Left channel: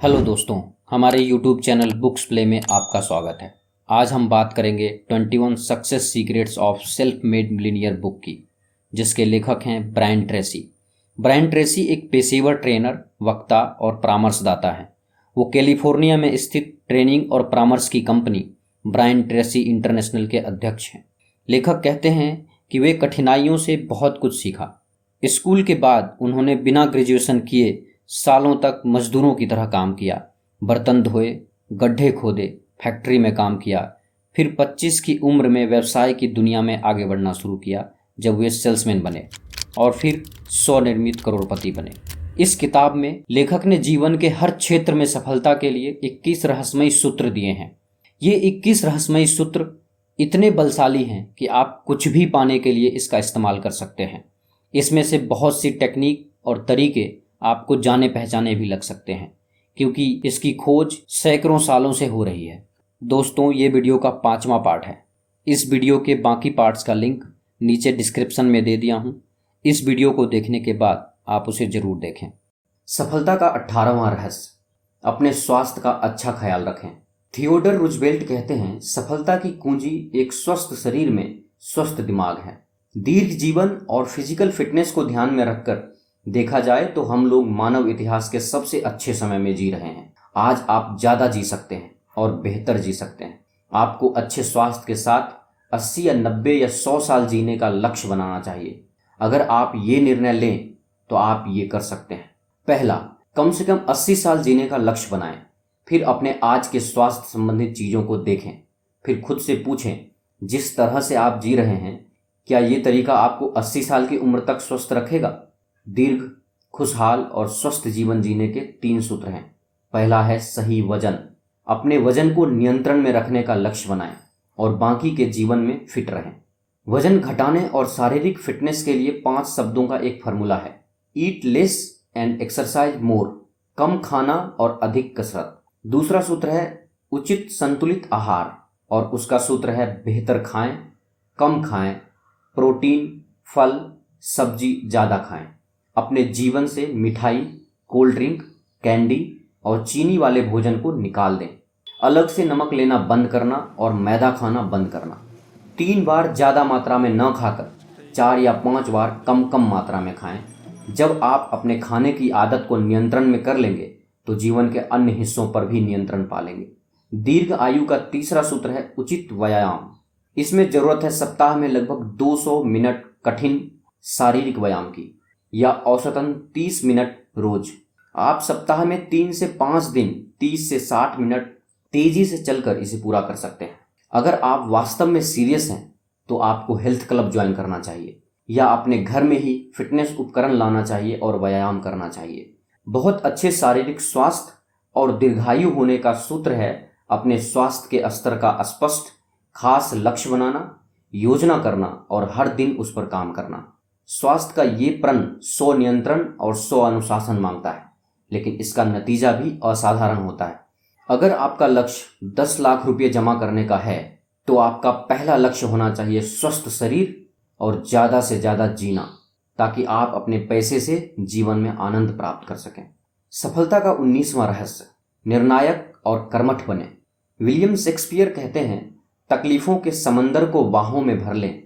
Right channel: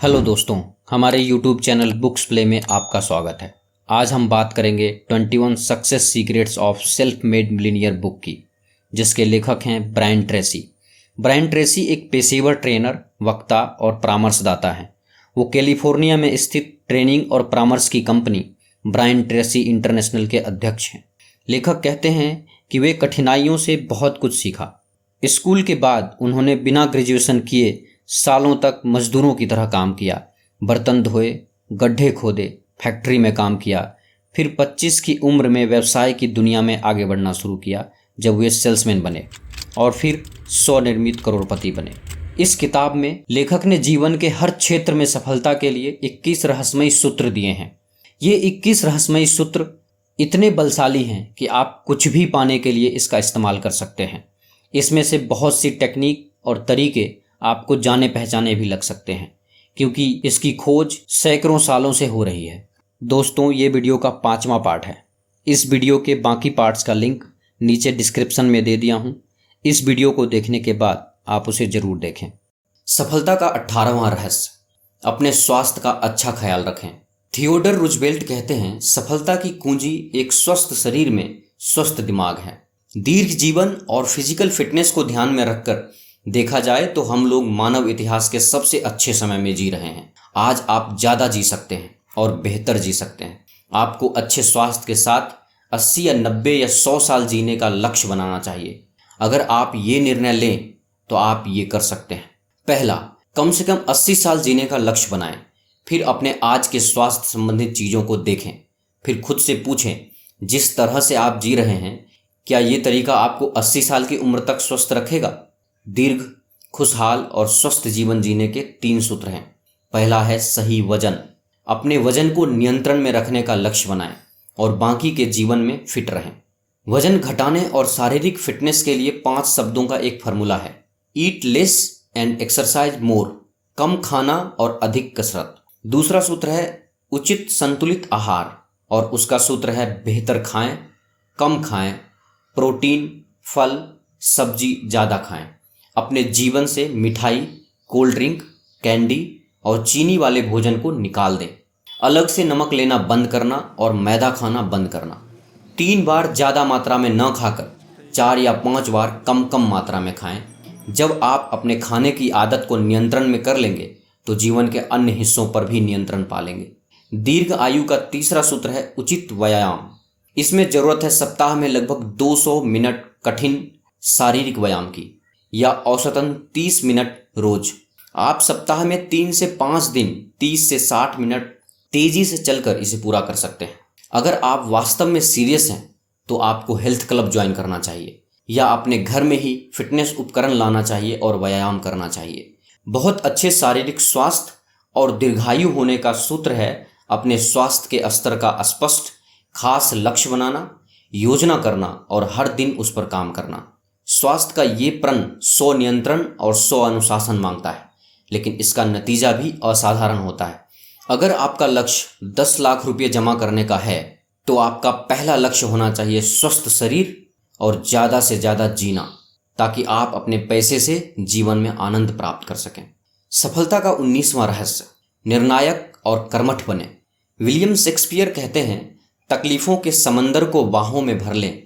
Hello दोस्तों, हमारे YouTube channel books play में आपका स्वागत है। आज हम बात करेंगे 21 success secrets of self made millionaire book की, जिसके लेखक हैं ब्रायन ट्रेसी। ब्रायन ट्रेसी एक पेशेवर ट्रेनर, वक्ता और परामर्शदाता हैं। वो कैलिफोर्निया में स्थित ट्रेनिंग और परामर्श की कंपनी ब्रायन ट्रेसी इंटरनेशनल के अध्यक्ष हैं। लेखक कहते हैं कि वे कठिनाइयों से बहुत कुछ सीखा। स्कूल के बाद उन्होंने बिना ग्रेजुएशन किए सालों तक मजदूरों की तरह काम किया, बर्तन धोए, गड्ढे खोदे, फैक्ट्री में काम किया। फिर 25 की उम्र में व्यवसाय की दुनिया में आगे बढ़ना शुरू किया, जब वे सेल्समैन बने और फिर स्वनिर्मित करोड़पति बने। इस किताब में लेखक ने जीवन के हर क्षेत्र में सफलता के लिए 21 रहस्यमयी सूत्र दिए हैं। ये 21 रहस्यमयी सूत्र इतने बलशाली हैं कि आप कुछ भी पाने के लिए इसका इस्तेमाल कर सकते हैं। इसमें से बहुत सी टेक्निक और तरीके आपको जाने पहचाने भी लग सकते हैं, क्योंकि इसकी खोज सैकड़ों सालों से हो रही है। दोस्तों, ये वीडियो का 5वां पार्ट है। इस वीडियो के बाकी पार्ट्स का लिंक नीचे डिस्क्रिप्शन में दे दिया हूँ। इस वीडियो को देखने के बाद आप उसे जरूर देखें। सफलता का 18वां रहस्य, अपने स्वास्थ्य का अच्छा ख्याल रखें। थियोडर रूजवेल्ट कहते हैं, सफलता की कुंजी एक स्वस्थ शरीर में स्वस्थ दिमाग है। दीर्घ जीवन और फिजिकल फिटनेस को ध्यान में रखकर देखा जाए तो हम लोग मानव इतिहास के सबसे अच्छे समय में जी रहे हैं। आज आप ज़्यादा जी सकते हैं और बेहतर जी सकते हैं। आपको अच्छे स्वास्थ्य के साथ 80 या 90 या 100 साल जीने का लक्ष्य बनाना चाहिए। अगर आप ये निर्णय लें तो आप ये कर सकते हैं। पहला, कम से कम 80 साल जीने का लक्ष्य बनाएं। फिर अपने आज के स्वास्थ्य संबंधित चीज़ों को देखें। फिर खुद से पूछें, जिस तरह से आप जी रहे हैं, क्या ये तरीका आपको 80 साल की उम्र तक स्वस्थ रखेगा? दीर्घ, खुशहाल और स्वस्थ जीवन जीने के 3 सूत्र हैं। पहला है सही वजन। अपने वजन को नियंत्रण में रखने का लक्ष्य बनाएं और बाकी के जीवन में फिट रहें। वजन घटाने और शारीरिक फिटनेस के लिए 5 शब्दों का एक फॉर्मूला है। Eat less and exercise more. कम खाना और अधिक कसरत। दूसरा सूत्र है उचित संतुलित आहार और उसका सूत्र है बेहतर खाएं, कम खाएं, प्रोटीन, फल, सब्जी ज़्यादा खाएं। अपने जीवन से मिठाई, कोल्ड ड्रिंक, कैंडी और चीनी वाले भोजन को निकाल दें। अलग से नमक लेना बंद करना और मैदा खाना बंद करना। 3 बार ज़्यादा मात्रा में न खाकर 4 या 5 बार कम कम मात्रा में खाएं। जब आप अपने खाने की आदत को नियंत्रण में कर लेंगे तो जीवन के अन्य हिस्सों पर भी नियंत्रण पा लेंगे। दीर्घ आयु का तीसरा सूत्र है उचित व्यायाम। इसमें ज़रूरत है सप्ताह में लगभग 200 मिनट कठिन शारीरिक व्यायाम की, या औसतन 30 मिनट रोज। आप सप्ताह में 3 से 5 दिन 30 से 60 मिनट तेजी से चलकर इसे पूरा कर सकते हैं। अगर आप वास्तव में सीरियस हैं तो आपको हेल्थ क्लब ज्वाइन करना चाहिए या अपने घर में ही फिटनेस उपकरण लाना चाहिए और व्यायाम करना चाहिए। बहुत अच्छे शारीरिक स्वास्थ्य और दीर्घायु होने का सूत्र है अपने स्वास्थ्य के स्तर का स्पष्ट, खास लक्ष्य बनाना, योजना करना और हर दिन उस पर काम करना। स्वास्थ्य का ये प्रण स्व नियंत्रण और स्व अनुशासन मांगता है, लेकिन इसका नतीजा भी असाधारण होता है। अगर आपका लक्ष्य 10 लाख रुपये जमा करने का है तो आपका पहला लक्ष्य होना चाहिए स्वस्थ शरीर और ज़्यादा से ज़्यादा जीना, ताकि आप अपने पैसे से जीवन में आनंद प्राप्त कर सकें। सफलता का 19वां रहस्य, निर्णायक और कर्मठ बने। विलियम शेक्सपियर कहते हैं, तकलीफों के समंदर को बाहों में भर लें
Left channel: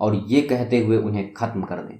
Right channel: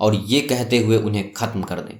और ये कहते हुए उन्हें खत्म कर दें।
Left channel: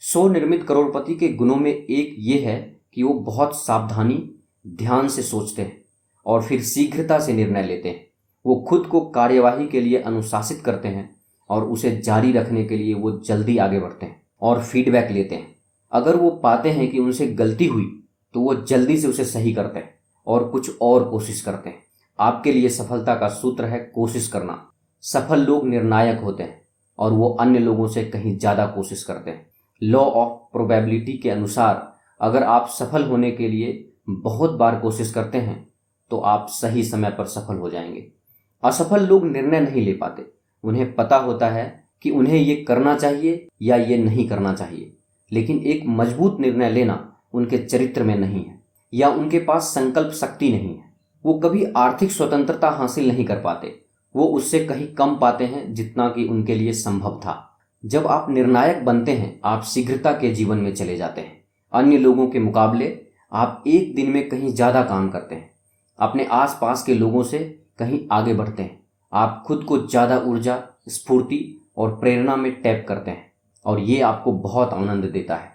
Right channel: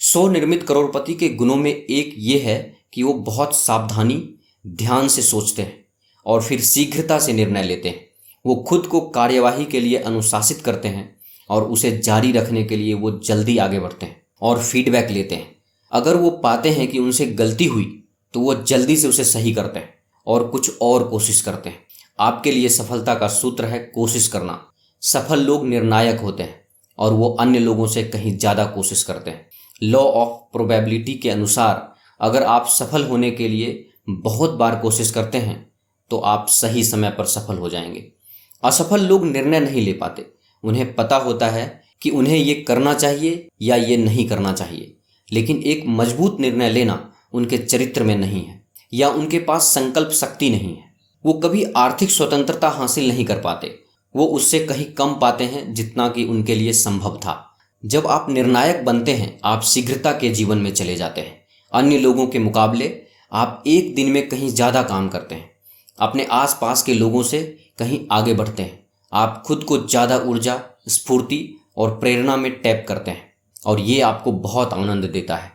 स्वनिर्मित करोड़पति के गुणों में एक ये है कि वो बहुत सावधानी, ध्यान से सोचते हैं और फिर शीघ्रता से निर्णय लेते हैं। वो खुद को कार्यवाही के लिए अनुशासित करते हैं और उसे जारी रखने के लिए वो जल्दी आगे बढ़ते हैं और फीडबैक लेते हैं। अगर वो पाते हैं कि उनसे गलती हुई तो वो जल्दी से उसे सही करते हैं और कुछ और कोशिश करते हैं। आपके लिए सफलता का सूत्र है कोशिश करना। सफल लोग निर्णायक होते हैं और वो अन्य लोगों से कहीं ज़्यादा कोशिश करते हैं। लॉ ऑफ प्रोबेबिलिटी के अनुसार अगर आप सफल होने के लिए बहुत बार कोशिश करते हैं तो आप सही समय पर सफल हो जाएंगे। असफल लोग निर्णय नहीं ले पाते। उन्हें पता होता है कि उन्हें ये करना चाहिए या ये नहीं करना चाहिए, लेकिन एक मजबूत निर्णय लेना उनके चरित्र में नहीं है या उनके पास संकल्प शक्ति नहीं है। वो कभी आर्थिक स्वतंत्रता हासिल नहीं कर पाते। वो उससे कहीं कम पाते हैं जितना कि उनके लिए संभव था। जब आप निर्णायक बनते हैं, आप शीघ्रता के जीवन में चले जाते हैं। अन्य लोगों के मुकाबले आप एक दिन में कहीं ज़्यादा काम करते हैं, अपने आसपास के लोगों से कहीं आगे बढ़ते हैं। आप खुद को ज़्यादा ऊर्जा, स्फूर्ति और प्रेरणा में टैप करते हैं और ये आपको बहुत आनंद देता है।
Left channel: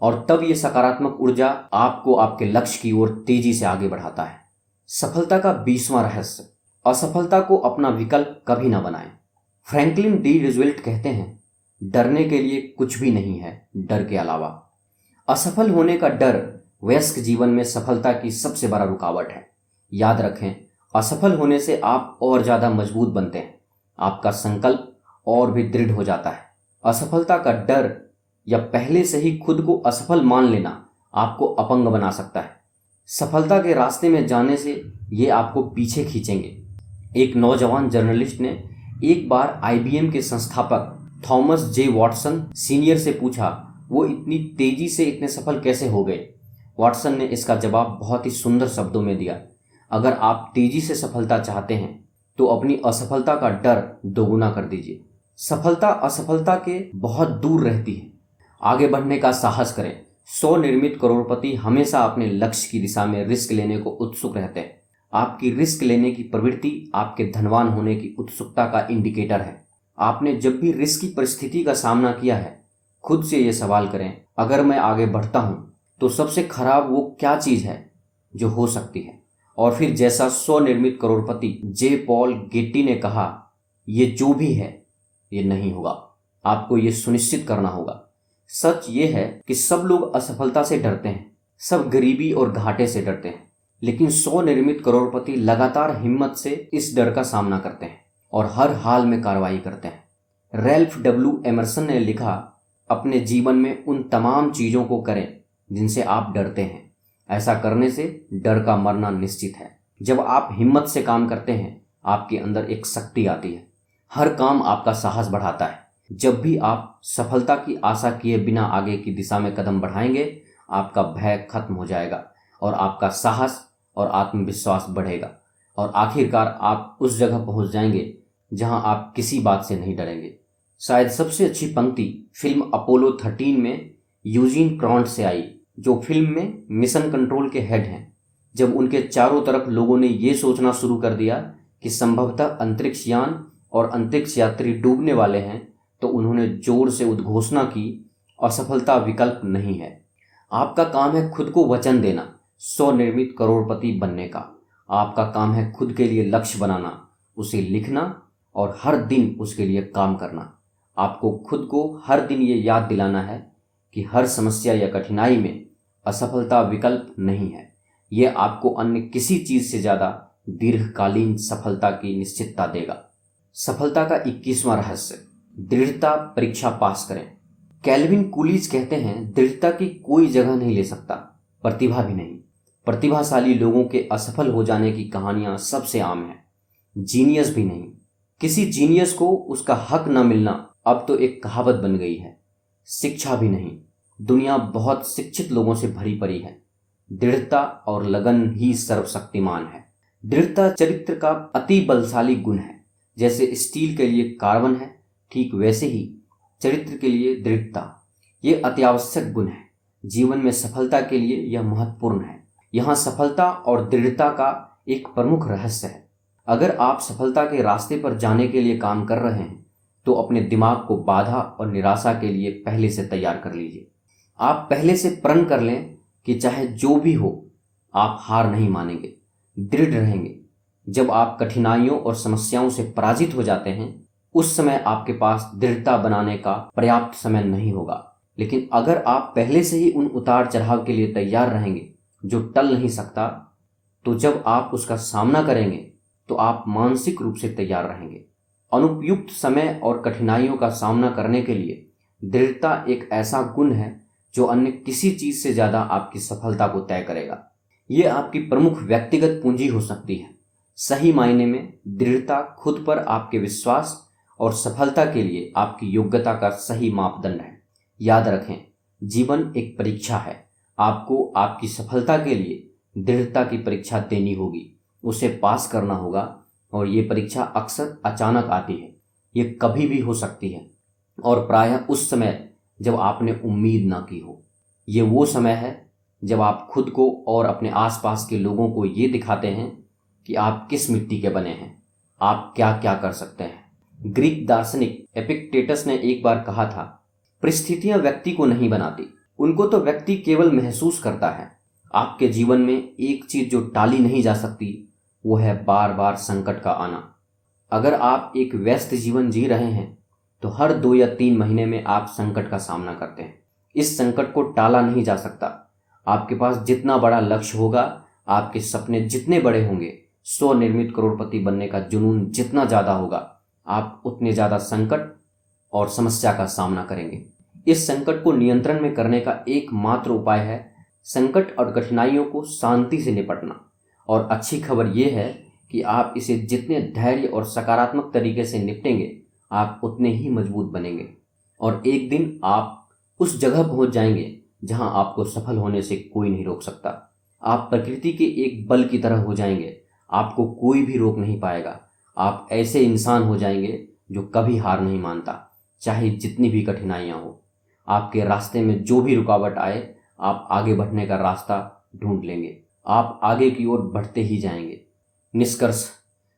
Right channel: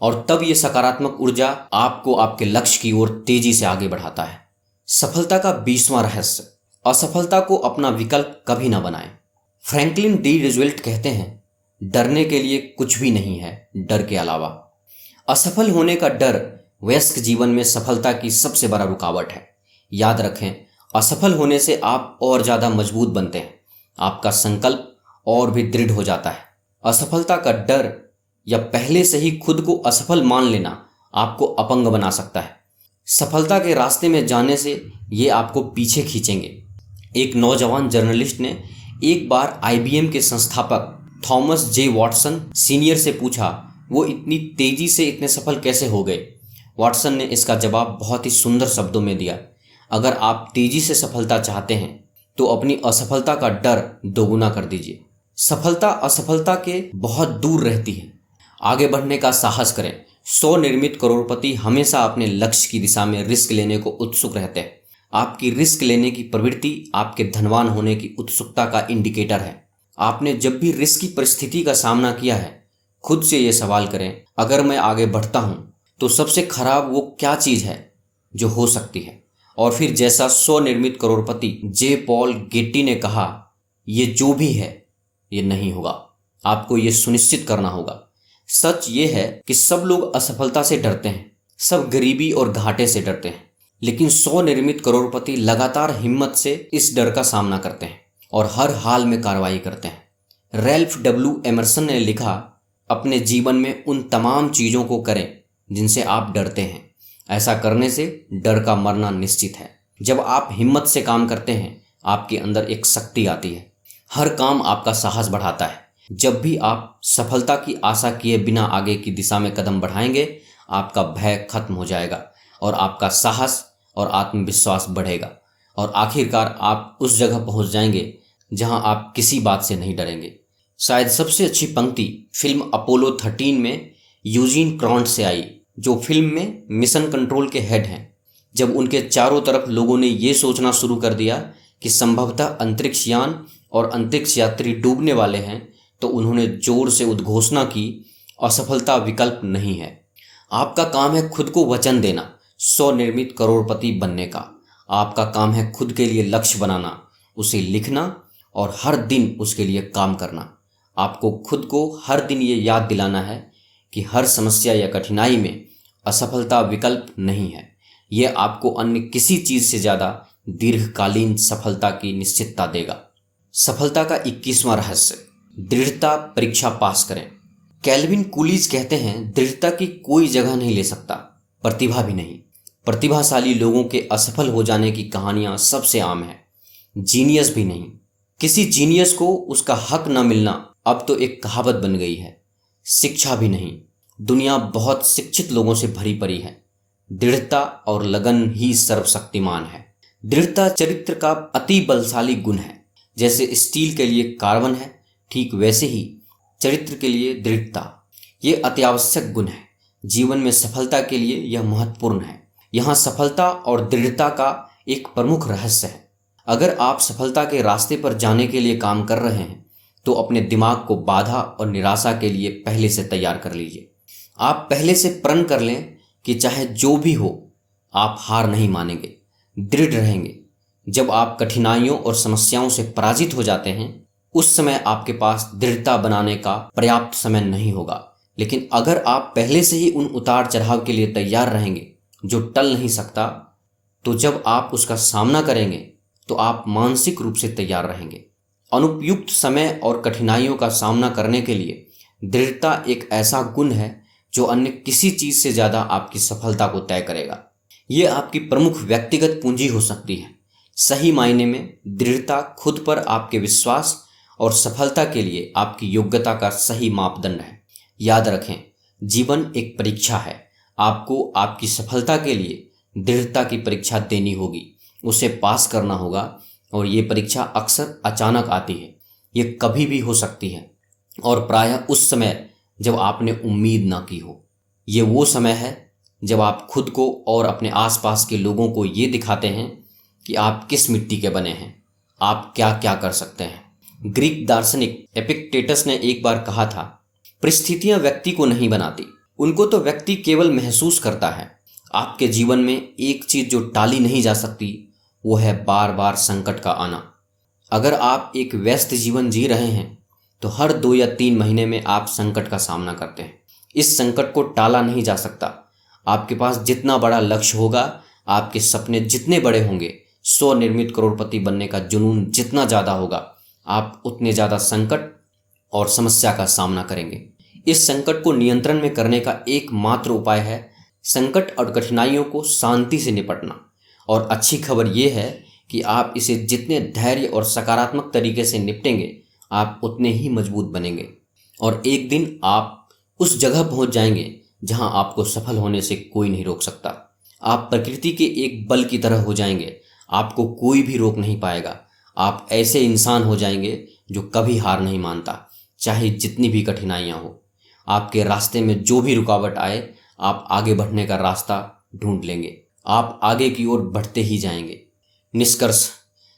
और तब ये सकारात्मक ऊर्जा आपको आपके लक्ष्य की ओर तेजी से आगे बढ़ाता है। सफलता का 20वां रहस्य, असफलता को अपना विकल्प कभी ना बनाएं। फ्रैंकलिन डी रूजवेल्ट कहते हैं, डरने के लिए कुछ भी नहीं है डर के अलावा। असफल होने का डर वयस्क जीवन में सफलता की सबसे बड़ा रुकावट है। याद रखें, असफल होने से आप और ज़्यादा मजबूत बनते हैं, आपका संकल्प और भी दृढ़ हो जाता है। असफलता का डर या पहले से ही खुद को असफल मान लेना आपको अपंग बना सकता है। सफलता के रास्ते में जाने से ये आपको पीछे खींचेंगे। एक नौजवान जर्नलिस्ट ने एक बार IBM के संस्थापक थॉमस जे वॉटसन सीनियर से पूछा, वो इतनी तेजी से इतने सफल कैसे हो गए। वॉटसन ने इसका जवाब बहुत ही सुंदर शब्दों में दिया, अगर आप तेजी से सफलता चाहते हैं तो अपनी असफलता का डर दोगुना कर दीजिए। सफलता असफलता के बहुत दूर रहती है। आगे बढ़ने का साहस करें। स्वनिर्मित करोड़पति हमेशा अपने लक्ष्य की दिशा में रिस्क लेने को उत्सुक रहते हैं। आपकी रिस्क लेने की प्रवृत्ति आपके धनवान होने की उत्सुकता का इंडिकेटर है। आपने जब भी रिस्क की परिस्थिति का सामना किया है, खुद से ये सवाल करें, अगर मैं आगे बढ़ता हूँ तो सबसे खराब वो क्या चीज़ है जो हो सकती है। और फिर जैसा स्वनिर्मित करोड़पति जे पॉल गेट्टी ने कहा, ये जो भी है ये नहीं होगा, आपको ये सुनिश्चित करना होगा। सच ये है कि सब लोग असफलता से डरते हैं, सब गरीबी और घाटे से डरते हैं, लेकिन स्वनिर्मित करोड़पति लगातार हिम्मत से इस डर का सामना करते हैं और हर हाल में कार्रवाई करते हैं। रैल्फ डब्ल्यू एमर्सन ने लिखा, अपने जीवन में उन तमाम चीज़ों को करें जिनसे आप डरते हैं, ऐसा करने से डर का मरना निश्चित है। जब आप हिम्मत से काम करते हैं, आपके अंदर एक शक्ति आती है। हर काम आपका साहस बढ़ाता है। जब भी आप सफलता की आशा किए बिना आगे की दिशा में कदम बढ़ाएंगे, आपका भय खत्म हो जाएगा और आपका साहस और आत्मविश्वास बढ़ेगा और आखिरकार आप उस जगह पहुंच जाएंगे जहां आप किसी बात से नहीं डरेंगे। शायद सबसे अच्छी पंक्ति फिल्म अपोलो 13 में यूजीन क्रॉन्ट से आई, जो फिल्म में मिशन कंट्रोल के हेड हैं। जब उनके चारों तरफ लोगों ने ये सोचना शुरू कर दिया कि संभवतः अंतरिक्ष यान और अंतरिक्ष यात्री डूबने वाले हैं, तो उन्होंने जोर से उद्घोषणा की, असफलता विकल्प नहीं है। आपका काम है खुद को वचन देना, स्वनिर्मित करोड़पति बनने का। आपका काम है खुद के लिए लक्ष्य बनाना, उसे लिखना और हर दिन उसके लिए काम करना। आपको खुद को हर दिन ये याद दिलाना है कि हर समस्या या कठिनाई में असफलता विकल्प नहीं है। यह आपको अन्य किसी चीज़ से ज़्यादा दीर्घकालीन सफलता की निश्चितता देगा। सफलता का 21वां रहस्य, दृढ़ता परीक्षा पास करें। कैल्विन कूलिज कहते हैं, दृढ़ता की कोई जगह नहीं ले सकता, प्रतिभा भी नहीं। प्रतिभाशाली लोगों के असफल हो जाने की कहानियां सबसे आम है, जीनियस भी नहीं। किसी जीनियस को उसका हक न मिलना अब तो एक कहावत बन गई है। शिक्षा भी नहीं, दुनिया बहुत शिक्षित लोगों से भरी पड़ी है। दृढ़ता और लगन ही सर्वशक्तिमान है। दृढ़ता चरित्र का अति बलशाली गुण है। जैसे स्टील के लिए कार्बन है, ठीक वैसे ही चरित्र के लिए दृढ़ता ये अत्यावश्यक गुण है। जीवन में सफलता के लिए यह महत्वपूर्ण है। यहाँ सफलता और दृढ़ता का एक प्रमुख रहस्य है। अगर आप सफलता के रास्ते पर जाने के लिए काम कर रहे हैं, तो अपने दिमाग को बाधा और निराशा के लिए पहले से तैयार कर लीजिए। आप पहले से प्रण कर लें कि चाहे जो भी हो, आप हार नहीं मानेंगे, दृढ़ रहेंगे। जब आप कठिनाइयों और समस्याओं से पराजित हो जाते हैं, उस समय आपके पास दृढ़ता बनाने का पर्याप्त समय नहीं होगा। लेकिन अगर आप पहले से ही उन उतार चढ़ाव के लिए तैयार रहेंगे जो टल नहीं सकता, तो जब आप उसका सामना करेंगे तो आप मानसिक रूप से तैयार रहेंगे। अनुपयुक्त समय और कठिनाइयों का सामना करने के लिए दृढ़ता एक ऐसा गुण है जो अन्य किसी चीज़ से ज़्यादा आपकी सफलता को तय करेगा। ये आपकी प्रमुख व्यक्तिगत पूंजी हो सकती है। सही मायने में दृढ़ता खुद पर आपके विश्वास और सफलता के लिए आपकी योग्यता का सही मापदंड है। याद रखें, जीवन एक परीक्षा है। आपको आपकी सफलता के लिए दृढ़ता की परीक्षा देनी होगी, उसे पास करना होगा। और ये परीक्षा अक्सर अचानक आती है, ये कभी भी हो सकती है और प्रायः उस समय जब आपने उम्मीद ना की हो। ये वो समय है जब आप खुद को और अपने आसपास के लोगों को ये दिखाते हैं कि आप किस मिट्टी के बने हैं, आप क्या क्या कर सकते हैं। ग्रीक दार्शनिक एपिक्टेटस ने एक बार कहा था, परिस्थितियां व्यक्ति को नहीं बनाती, उनको तो व्यक्ति केवल महसूस करता है। आपके जीवन में एक चीज जो टाली नहीं जा सकती वो है बार बार संकट का आना। अगर आप एक व्यस्त जीवन जी रहे हैं तो हर 2 या 3 महीने में आप संकट का सामना करते हैं। इस संकट को टाला नहीं जा सकता। आपके पास जितना बड़ा लक्ष्य होगा, आपके सपने जितने बड़े होंगे, स्वनिर्मित करोड़पति बनने का जुनून जितना ज़्यादा होगा, आप उतने ज़्यादा संकट और समस्या का सामना करेंगे। इस संकट को नियंत्रण में करने का एकमात्र उपाय है संकट और कठिनाइयों को शांति से निपटना। और अच्छी खबर यह है कि आप इसे जितने धैर्य और सकारात्मक तरीके से निपटेंगे, आप उतने ही मजबूत बनेंगे और एक दिन आप उस जगह पहुंच जाएंगे जहां आपको सफल होने से कोई नहीं रोक सकता। आप प्रकृति के एक बल की तरह हो जाएंगे, आपको कोई भी रोक नहीं पाएगा। आप ऐसे इंसान हो जाएंगे जो कभी हार नहीं मानता, चाहे जितनी भी कठिनाइयां हो। आपके रास्ते में जो भी रुकावट आए, आप आगे बढ़ने का रास्ता ढूंढ लेंगे। आप आगे की ओर बढ़ते ही जाएंगे। निष्कर्ष,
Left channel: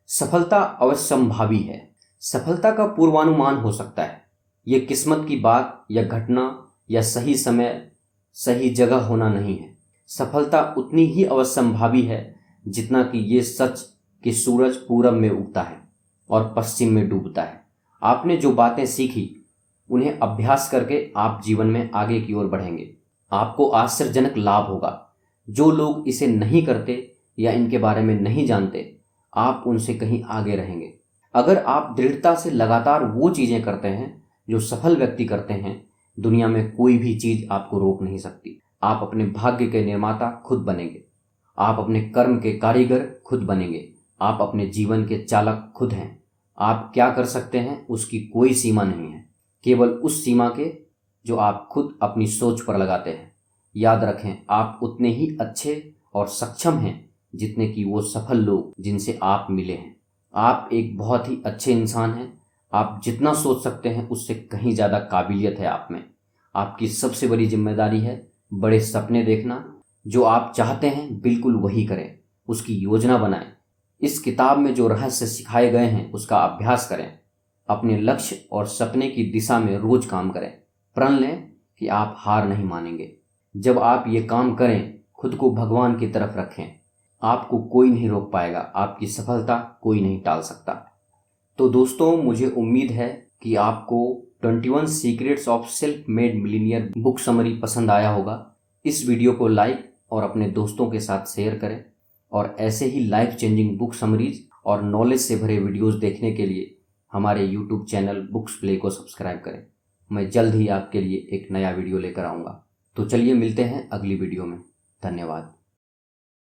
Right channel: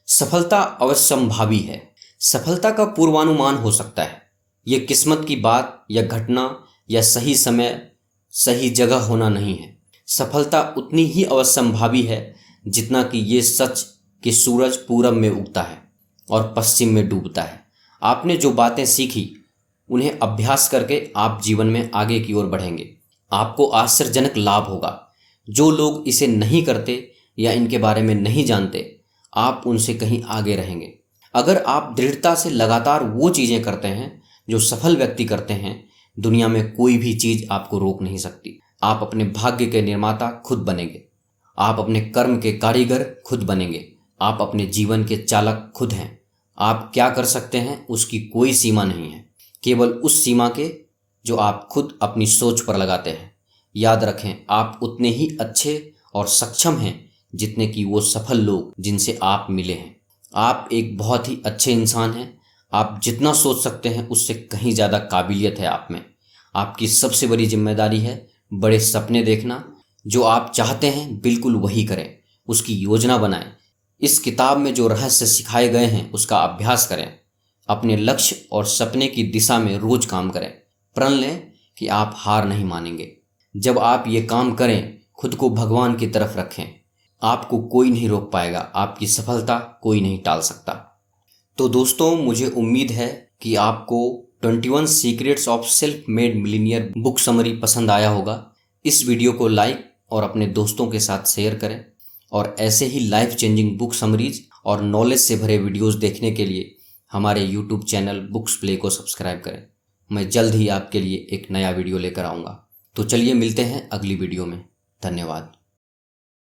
सफलता अवश्यंभावी है। सफलता का पूर्वानुमान हो सकता है। ये किस्मत की बात या घटना या सही समय सही जगह होना नहीं है। सफलता उतनी ही अवश्यंभावी है जितना कि ये सच कि सूरज पूरब में उगता है और पश्चिम में डूबता है। आपने जो बातें सीखी उन्हें अभ्यास करके आप जीवन में आगे की ओर बढ़ेंगे। आपको आश्चर्यजनक लाभ होगा। जो लोग इसे नहीं करते या इनके बारे में नहीं जानते, आप उनसे कहीं आगे रहेंगे। अगर आप दृढ़ता से लगातार वो चीज़ें करते हैं जो सफल व्यक्ति करते हैं, दुनिया में कोई भी चीज़ आपको रोक नहीं सकती। आप अपने भाग्य के निर्माता खुद बनेंगे। आप अपने कर्म के कारीगर खुद बनेंगे। आप अपने जीवन के चालक खुद हैं। आप क्या कर सकते हैं उसकी कोई सीमा नहीं है, केवल उस सीमा के जो आप खुद अपनी सोच पर लगाते हैं। याद रखें, आप उतने ही अच्छे और सक्षम हैं जितने कि वो सफल लोग जिनसे आप मिले हैं। आप एक बहुत ही अच्छे इंसान हैं। आप जितना सोच सकते हैं उससे कहीं ज़्यादा काबिलियत है आप में। आपकी सबसे बड़ी जिम्मेदारी है बड़े सपने देखना। जो आप चाहते हैं बिल्कुल वही करें, उसकी योजना बनाएं। इस किताब में जो रहस्य सिखाए गए हैं उसका अभ्यास करें। अपने लक्ष्य और सपने की दिशा में रोज काम करें। प्रण लें कि आप हार नहीं मानेंगे। जब आप ये काम करें, खुद को भगवान की तरफ रखें। आपको कोई नहीं रोक पाएगा, आपकी सफलता कोई नहीं टाल सकता। तो दोस्तों, मुझे उम्मीद है कि आपको 21 secrets of self made millionaire book summary पसंद आया होगा। इस वीडियो को लाइक और अपने दोस्तों के साथ शेयर करें और ऐसे ही लाइफ चेंजिंग बुक समरीज और नॉलेज से भरे वीडियोस देखने के लिए हमारे यूट्यूब चैनल बुक्स प्ले को सब्सक्राइब करें। मैं जल्द ही आपके लिए एक नया वीडियो लेकर आऊँगा। तो चलिए मिलते हैं अगली वीडियो में। धन्यवाद।